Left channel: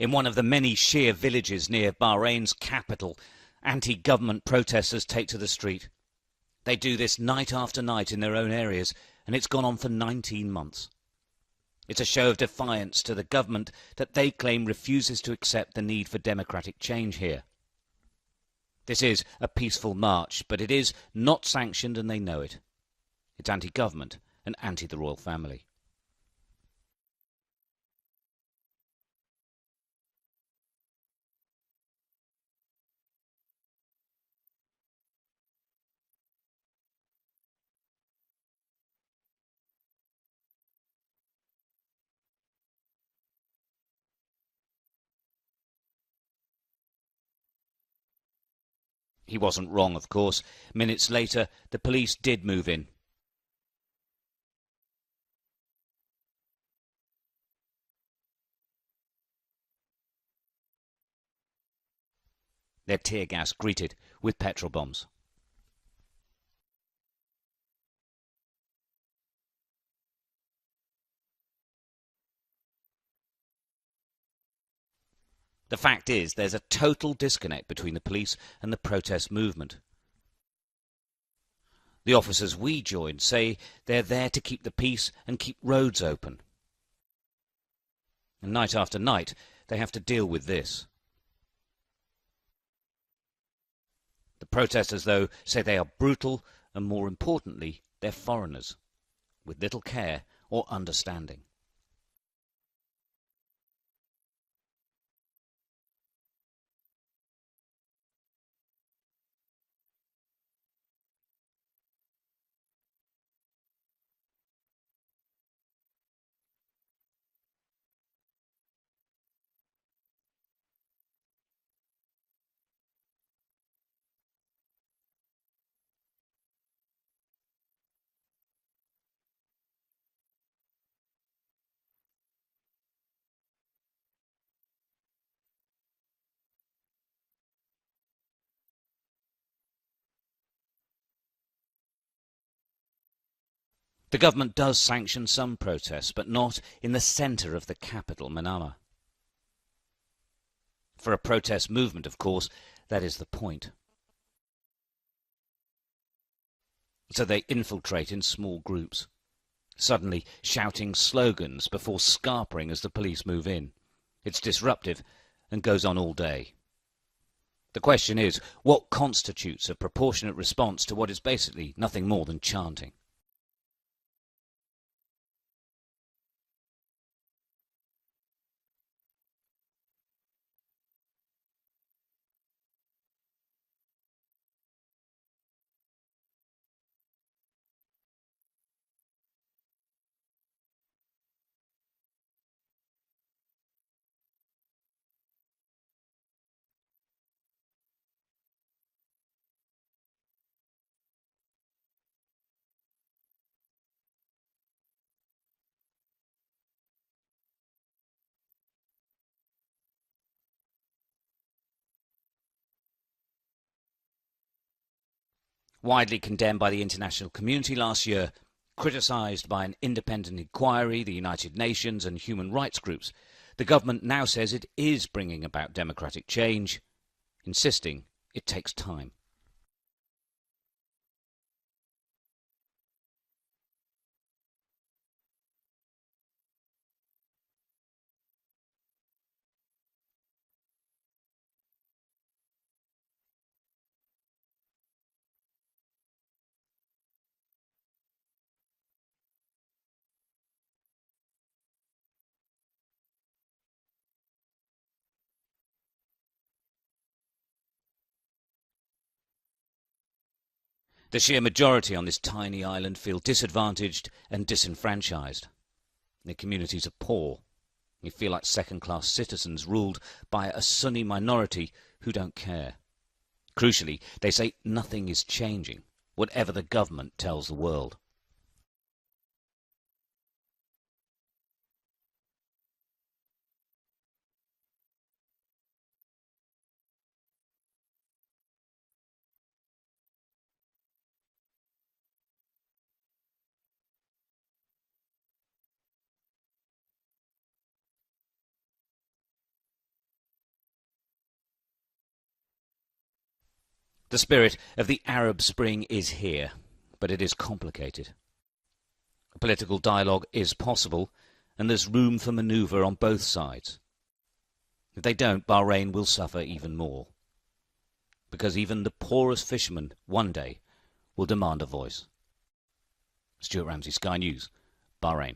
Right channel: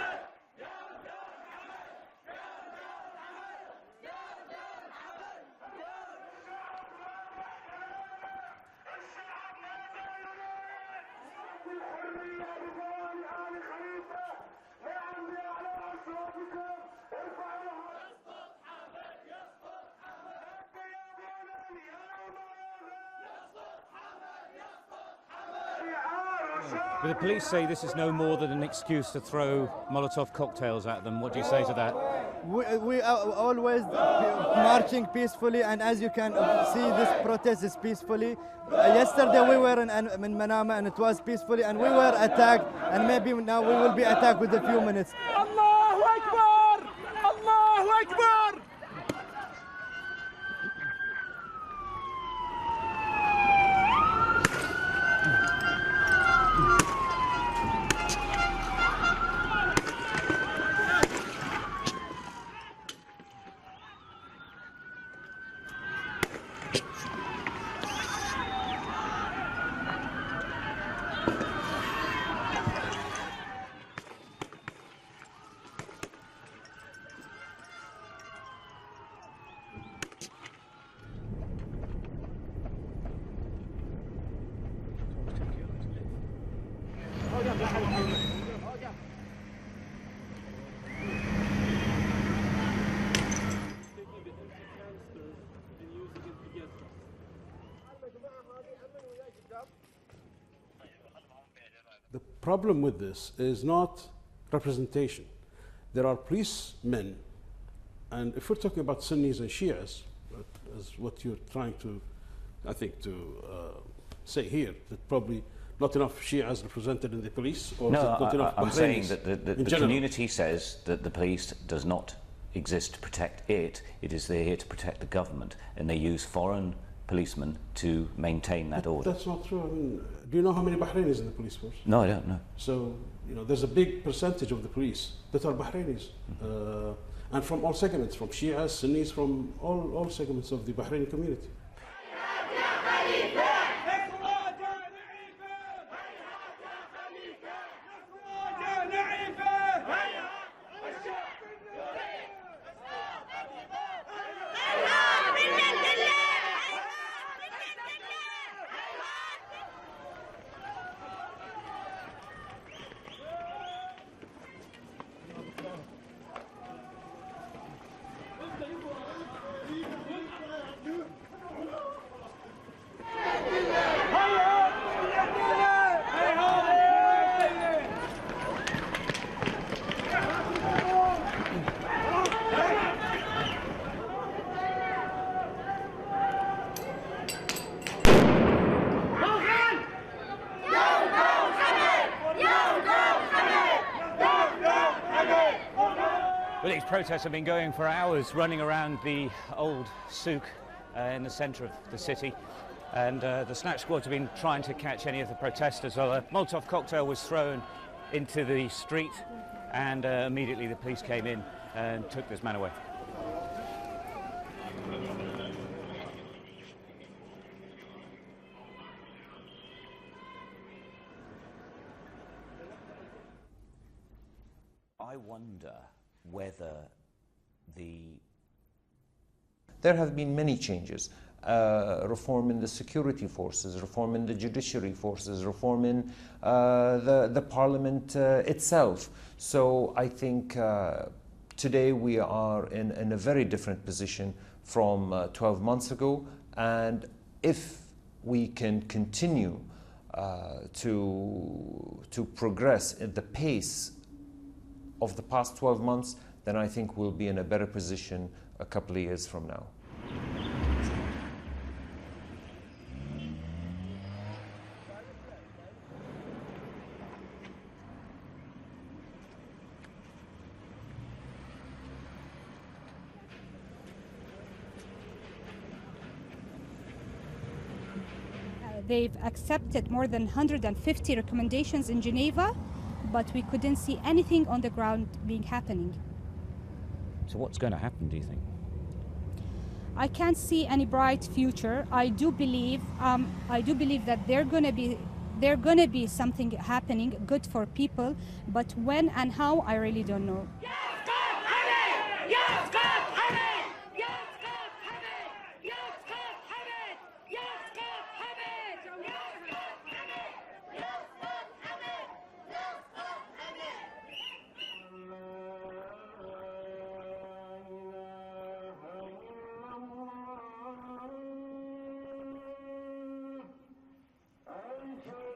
In one of the many Shia villages near Bahrain's capital, anti-government protesters take to the street. They do this night after night in their own areas, and it's gone on for 19 months. It's a show of defiance to the government that they claim refuses to accept the need for democratic change here. This is a peaceful march, but it is not sanctioned and they know it. It's anti-government and anti the royal family. But the police say this is no more than an excuse to throw Molotov cocktails at them. What do you say to that? We are always marching peacefully, and as you can see, this protest is peacefully. Yesterday we were in Manama and it was peacefully, and we were attacked, and maybe now we will be attacked within a few minutes. Allahu Akbar! Allahu Akbar! He wasn't wrong, of course. Minutes later, the police did move in. Their tear gas greeted with petrol bombs. The fact is, there's a total disconnect between the police and the protest movement. The officers we joined say they're there to keep the peace and keep roads open. Night after night, they have to deal with this. The protesters, though, say they are brutal and, more importantly, they're foreigners with little care or understanding. The problem with this is not representation. There are policemen, and if we're talking about Sunnis and Shias, as what you're trying to, I think, to say here, that probably not enough Shias represented in the police, or not enough I'm saying Bahrainis that the community says that the police does not exist to protect it. It is there here to protect the government, and they use foreign policemen to maintain that order. That's not true. I mean, do you know how many Bahrainis in the police force? No, I don't know. So, you know, there's a big percentage of the police that are Bahrainis, and from all segments, from Shias, Sunnis, from all segments of the Bahraini community. The government does sanction some protests, but not in the centre of the capital, Manama. For a protest movement, of course, that is the point. So they infiltrate in small groups, suddenly shouting slogans before scarpering as the police move in. It's disruptive and goes on all day. The question is, what constitutes a proportionate response to what is basically nothing more than chanting? Well, these protests have been going for hours, running around the old souk in the centre of the city, and the snatch squads have been trying to catch any of the protesters. Well, a Molotov cocktail was thrown into the street, and immediately the police came in and took this man away. Widely condemned by the international community last year, criticised by an independent inquiry, the United Nations and human rights groups, the government now says it is bringing about democratic change, insisting it takes time. There have been many changes. Reform in the security forces, reform in the judiciary forces, reform in the parliament itself. So I think today we are in a very different position from 12 months ago, and if we can continue to progress at the pace of the past 12 months, then I think we'll be in a better position a couple of years from now. The Shia majority on this tiny island feel disadvantaged and disenfranchised. Their communities are poor. They feel like second-class citizens ruled by a Sunni minority who don't care. Crucially, they say nothing is changing, whatever the government tells the world. They've accepted more than 150 recommendations in Geneva, but we couldn't see anything on the ground happening. So what's going to happen, do you think? I can't see any bright future. I do believe that they're going to be There's going to be something happening good for people, but when and how, I really don't know. The spirit of the Arab Spring is here, but it is complicated. Political dialogue is possible, and there's room for manoeuvre on both sides. If they don't, Bahrain will suffer even more, because even the poorest fishermen one day will demand a voice. Stuart Ramsay, Sky News, Bahrain.